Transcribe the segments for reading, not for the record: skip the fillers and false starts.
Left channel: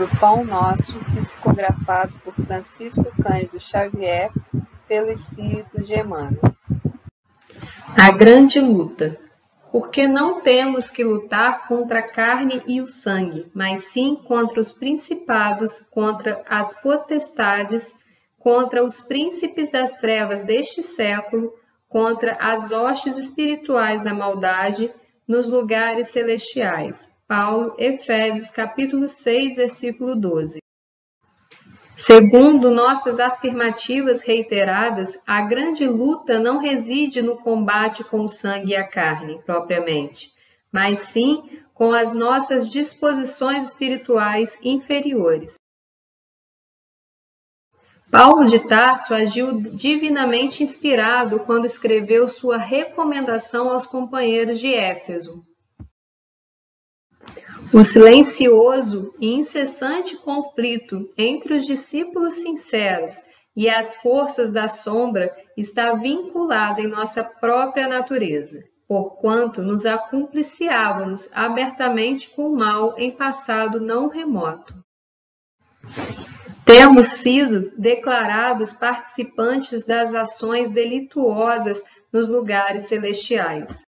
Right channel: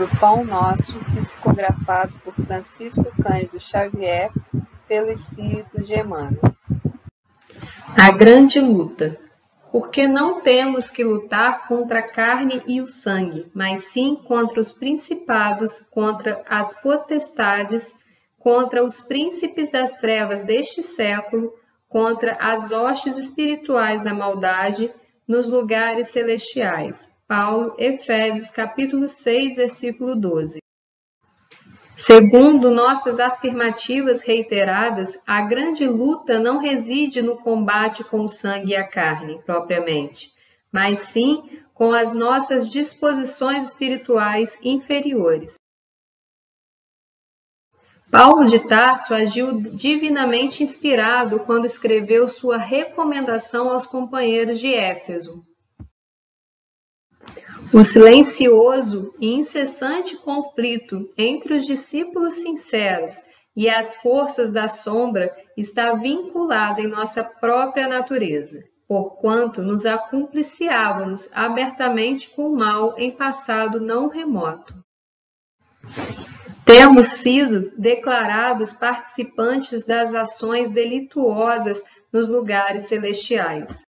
livro Pão Nosso, psicografado por Francisco Cândido Xavier, pelo Espírito de Emmanuel. A grande luta. Porque não temos que lutar contra a carne e o sangue, mas sim contra os principados, contra as potestades, contra os príncipes das trevas deste século, contra as hostes espirituais da maldade nos lugares celestiais. Paulo, Efésios, capítulo 6, versículo 12. Segundo nossas afirmativas reiteradas, a grande luta não reside no combate com o sangue e a carne, propriamente, mas sim com as nossas disposições espirituais inferiores. Paulo de Tarso agiu divinamente inspirado quando escreveu sua recomendação aos companheiros de Éfeso. O silencioso e incessante conflito entre os discípulos sinceros e as forças da sombra está vinculado em nossa própria natureza, porquanto nos acumpliciávamos abertamente com o mal em passado não remoto. Temos sido declarados participantes das ações delituosas nos lugares celestiais.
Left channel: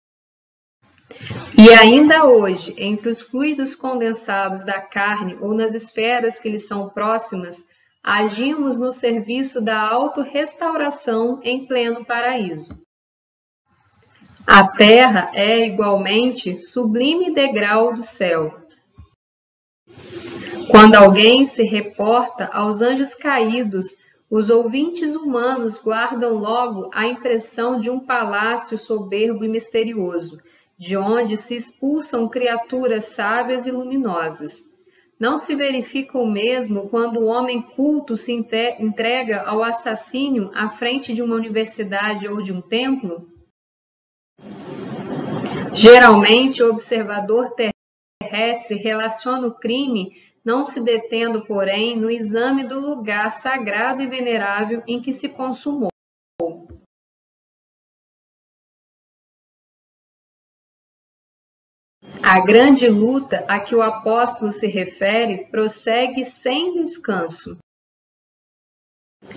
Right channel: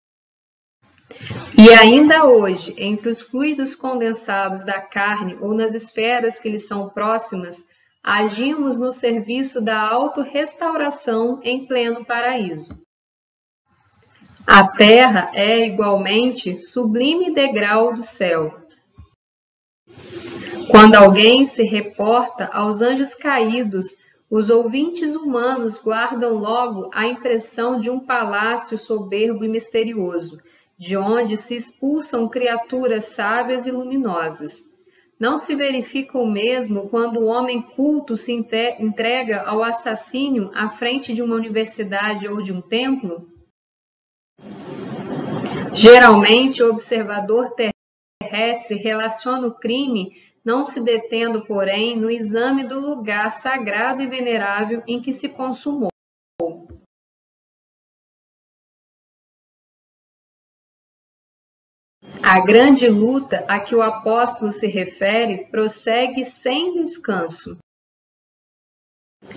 E ainda hoje, entre os fluidos condensados da carne ou nas esferas que lhes são próximas, agimos no serviço da autorrestauração em pleno paraíso. A terra é, igualmente, sublime degrau do céu. Quando alguém se reporta aos anjos caídos, os ouvintes humanos guardam logo a impressão de um palácio soberbo e misterioso, de onde se expulsam criaturas sábias e luminosas. Não se verifica o mesmo quando o homem culto se entrega ao assassínio à frente de uma universidade ou de um templo? Geralmente, o observador terrestre relaciona o crime, não se detendo, porém, no exame do lugar sagrado e venerável em que se consumou. A grande luta a que o apóstolo se refere prossegue sem descanso.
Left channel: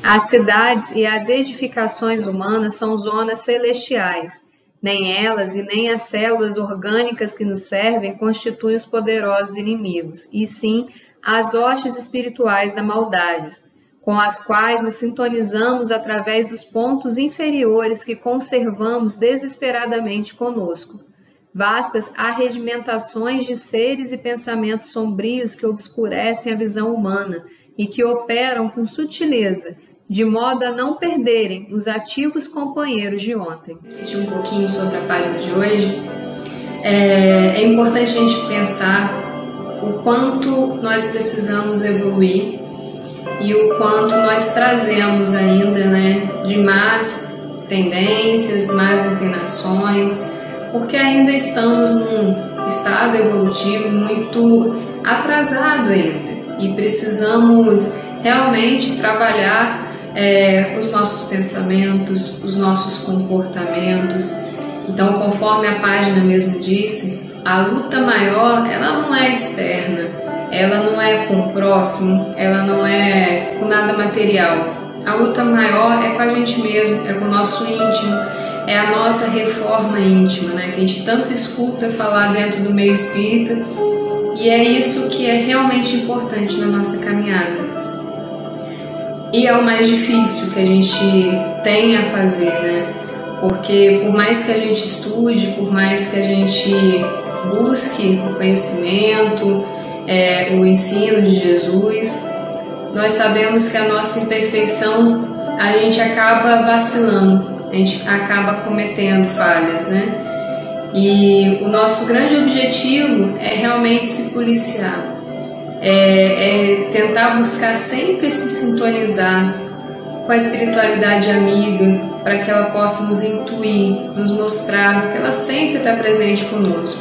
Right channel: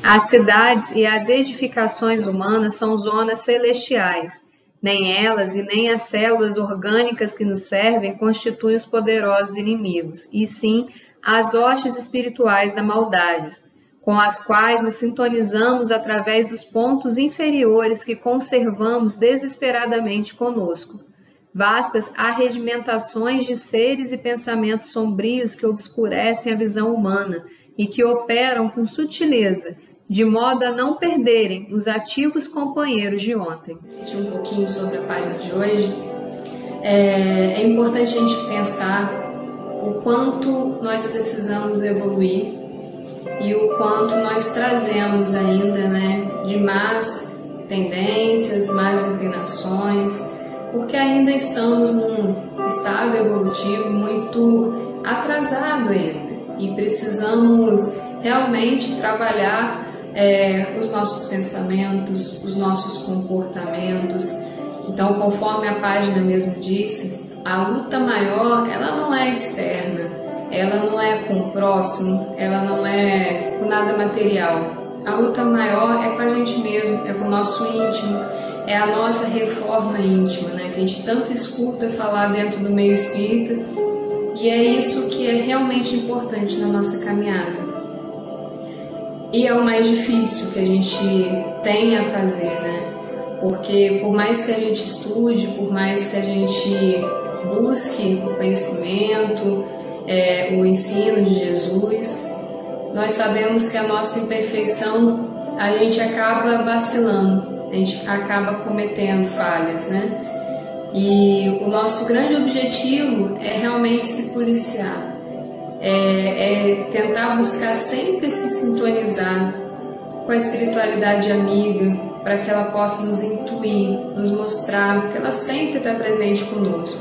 As cidades e as edificações humanas são zonas celestiais. Nem elas e nem as células orgânicas que nos servem constituem os poderosos inimigos, e sim as hostes espirituais da maldade, com as quais nos sintonizamos através dos pontos inferiores que conservamos desesperadamente conosco. Vastas arregimentações de seres e pensamentos sombrios que obscurecem a visão humana e que operam com sutileza, de modo a não perderem os ativos companheiros de ontem. Um pouquinho sobre a página de hoje. É importante a gente pensar o quanto nós precisamos evoluir e o quanto nós trazemos ainda, de más tendências, más inclinações, porque ainda estamos num estado evolutivo muito atrasado ainda e precisamos realmente trabalhar os nossos pensamentos, os nossos comportamentos. Então, conforme a página mesmo disse, a luta maior, ela não é externa, ela não é com o próximo, ela não é com nada material. A luta maior é com a gente mesmo, é com o nosso íntimo, é a nossa reforma íntima, que a gente tanto escuta falar dentro do meio espírita, e é isso que é realmente importante na nossa caminhada. E é o mais difícil que a gente tem a fazer, Porque por mais que a gente estude, por mais que a gente busque o conhecimento, o ensino de Jesus, nós sabemos que a nossa imperfeição, a gente acaba vacilando, a gente acaba cometendo falhas, E o nosso grande objetivo é realmente se policiar, é tentar buscar sempre se sintonizar com a espiritualidade amiga, para que ela possa nos intuir, nos mostrar que ela sempre está presente conosco.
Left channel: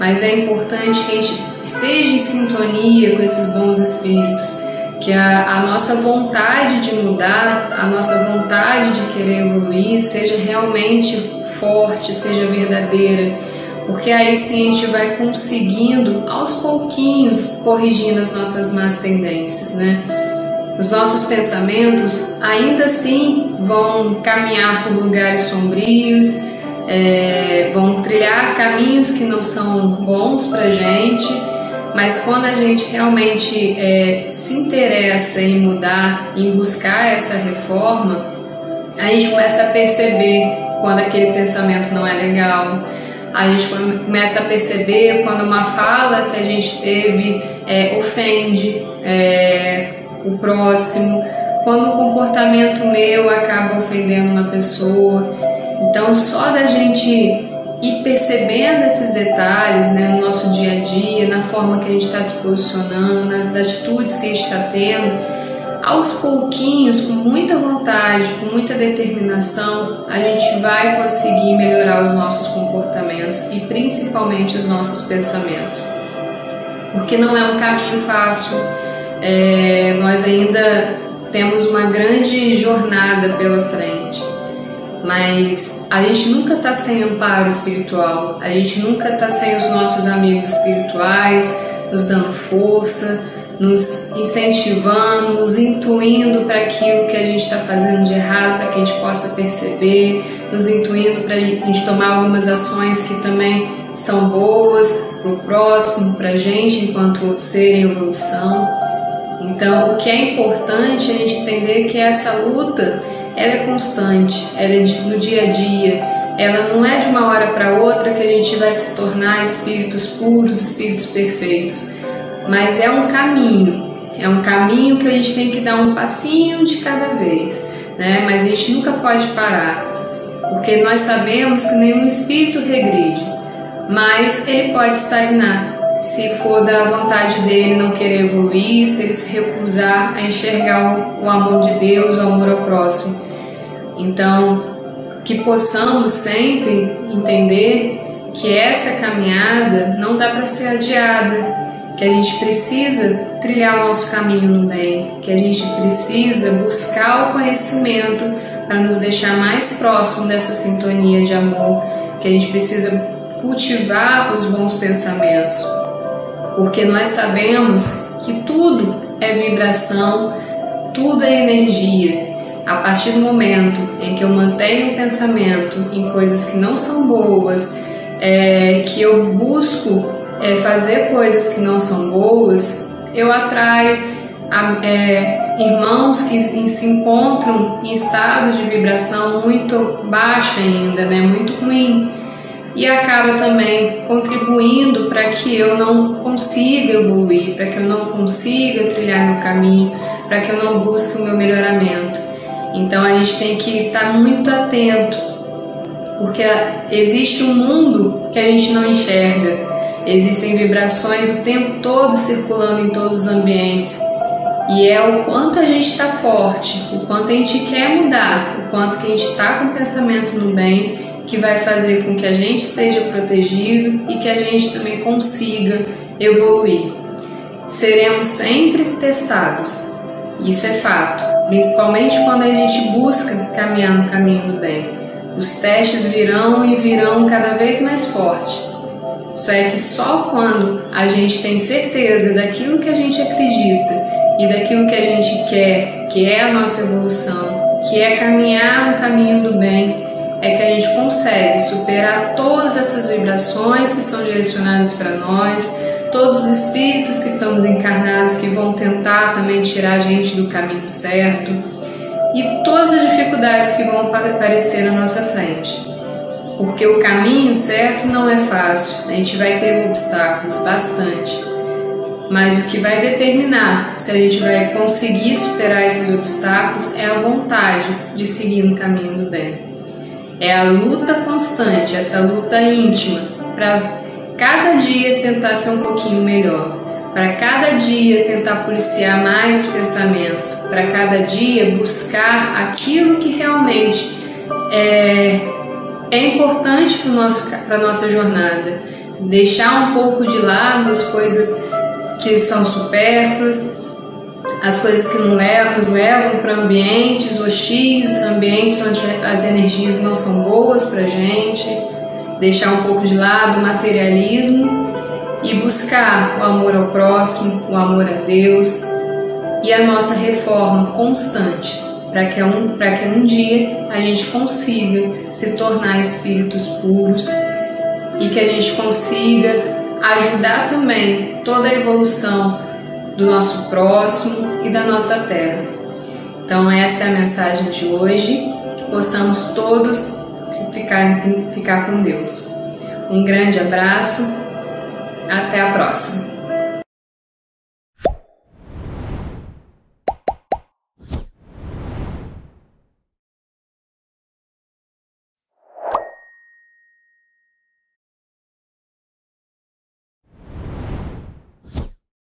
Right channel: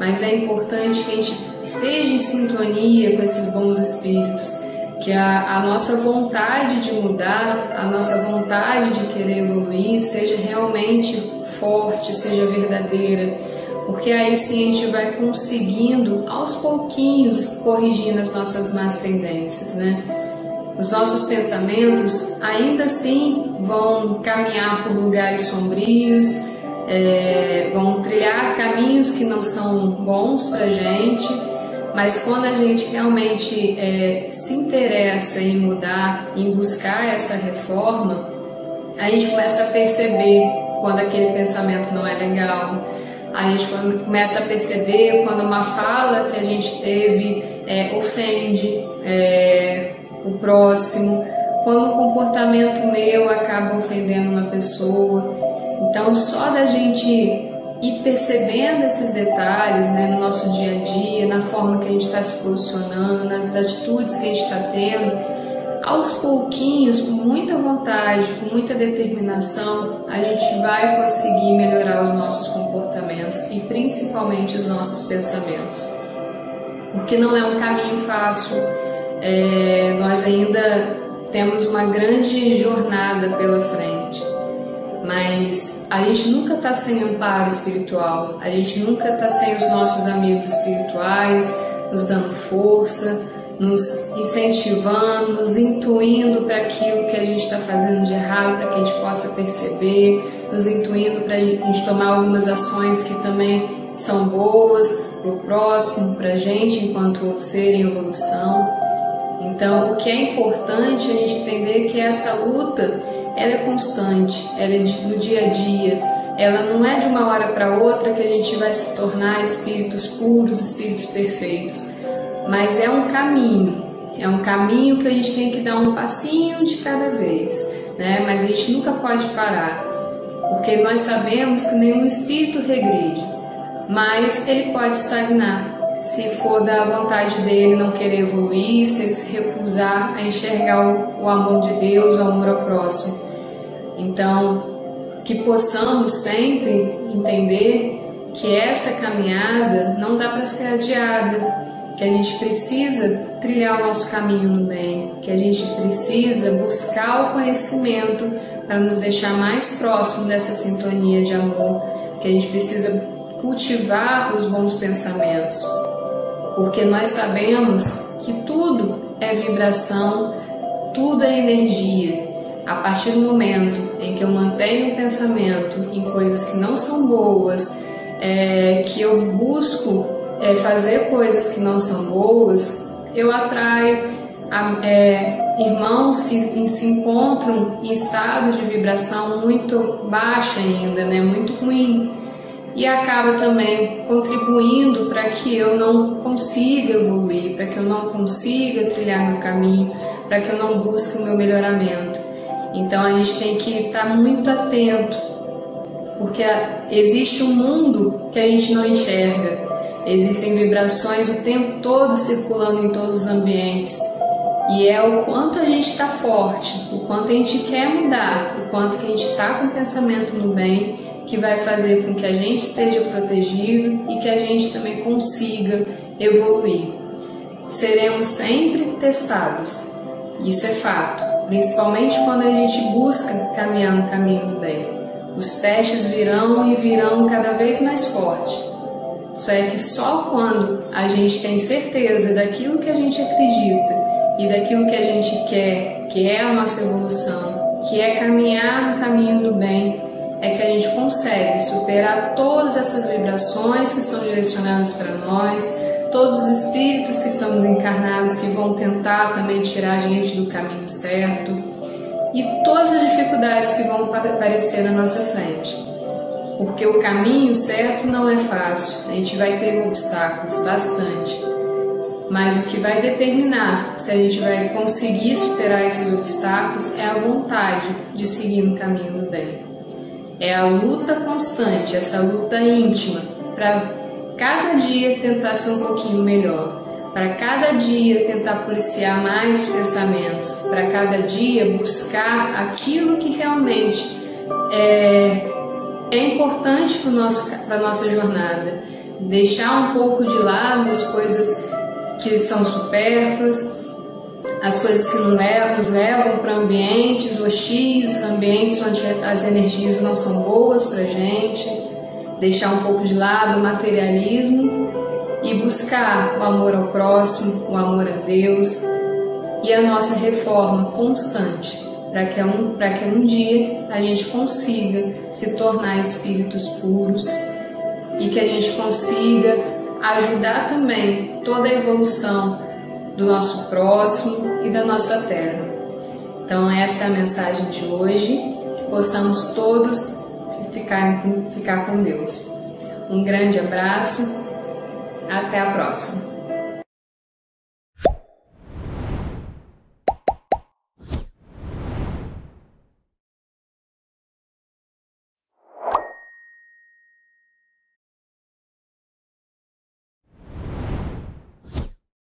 Mas é importante que a gente esteja em sintonia com esses bons espíritos, que a nossa vontade de mudar, a nossa vontade de querer evoluir seja realmente forte, seja verdadeira, porque aí sim a gente vai conseguindo aos pouquinhos corrigindo as nossas más tendências, né? Os nossos pensamentos ainda assim vão caminhar por lugares sombrios, vão trilhar caminhos que não são bons pra gente, mas quando a gente realmente se interessa em mudar, em buscar essa reforma, a gente começa a perceber quando aquele pensamento não é legal, a gente começa a perceber quando uma fala que a gente teve ofende o próximo, quando o comportamento meu acaba ofendendo uma pessoa. Então, só da gente ir percebendo esses detalhes, né, no nosso dia a dia, na forma que a gente está se posicionando, nas atitudes que a gente está tendo, aos pouquinhos, com muita vontade, com muita determinação, a gente vai conseguir melhorar os nossos comportamentos e principalmente os nossos pensamentos. Porque não é um caminho fácil, nós ainda temos uma grande jornada pela frente, mas a gente nunca está sem amparo espiritual, a gente nunca está sem os nossos amigos espirituais nos dando força, nos incentivando, nos intuindo para aquilo que a gente está fazendo de errado, para que a gente possa perceber, nos intuindo para a gente tomar algumas ações que também são boas para o próximo, para a gente enquanto ser em evolução. Então, o que é importante é a gente entender que essa luta ela é constante, ela é no dia a dia, ela não é de uma hora para outra que a gente vai se tornar espíritos puros, espíritos perfeitos. Mas é um caminho que a gente tem que dar um passinho de cada vez, né? Mas a gente nunca pode parar, porque nós sabemos que nenhum espírito regride, mas ele pode estagnar, se for da vontade dele não querer evoluir, se ele se recusar a enxergar o amor de Deus, o amor ao próximo. Então, que possamos sempre entender que essa caminhada não dá para ser adiada, que a gente precisa trilhar o nosso caminho no bem, que a gente precisa buscar o conhecimento para nos deixar mais próximo dessa sintonia de amor, que a gente precisa cultivar os bons pensamentos, porque nós sabemos que tudo é vibração, tudo é energia. A partir do momento em que eu mantenho um pensamento em coisas que não são boas, que eu busco fazer coisas que não são boas, eu atraio irmãos que se encontram em estado de vibração muito baixa ainda, né, muito ruim, e acaba também contribuindo para que eu não consiga evoluir, para que eu não consiga trilhar meu caminho, para que eu não busque o meu melhoramento. Então a gente tem que estar muito atento, porque existe um mundo que a gente não enxerga. Existem vibrações o tempo todo circulando em todos os ambientes, e é o quanto a gente está forte, o quanto a gente quer mudar, o quanto que a gente está com o pensamento no bem, que vai fazer com que a gente esteja protegido e que a gente também consiga evoluir. Seremos sempre testados, isso é fato, principalmente quando a gente busca caminhar no caminho do bem. Os testes virão e virão cada vez mais forte. Só é que só quando a gente tem certeza daquilo que a gente acredita e daquilo que a gente quer, que é a nossa evolução, que é caminhar no caminho do bem, é que a gente consegue superar todas essas vibrações que são direcionadas para nós, todos os espíritos que estamos encarnados que vão tentar também tirar a gente do caminho certo e todas as dificuldades que vão aparecer na nossa frente. Porque o caminho certo não é fácil, a gente vai ter obstáculos, bastante. Mas o que vai determinar se a gente vai conseguir superar esses obstáculos é a vontade de seguir no caminho do bem. É a luta constante, essa luta íntima, para cada dia tentar ser um pouquinho melhor, para cada dia tentar policiar mais os pensamentos, para cada dia buscar aquilo que realmente é importante para a nossa jornada, deixar um pouco de lado as coisas que são supérfluas, as coisas que nos levam para ambientes hostis, ambientes onde as energias não são boas para a gente, deixar um pouco de lado o materialismo e buscar o amor ao próximo, o amor a Deus e a nossa reforma constante, para que um dia a gente consiga se tornar espíritos puros e que a gente consiga ajudar também toda a evolução do nosso próximo e da nossa terra. Então essa é a mensagem de hoje, que possamos todos ficar com Deus. Um grande abraço, até a próxima!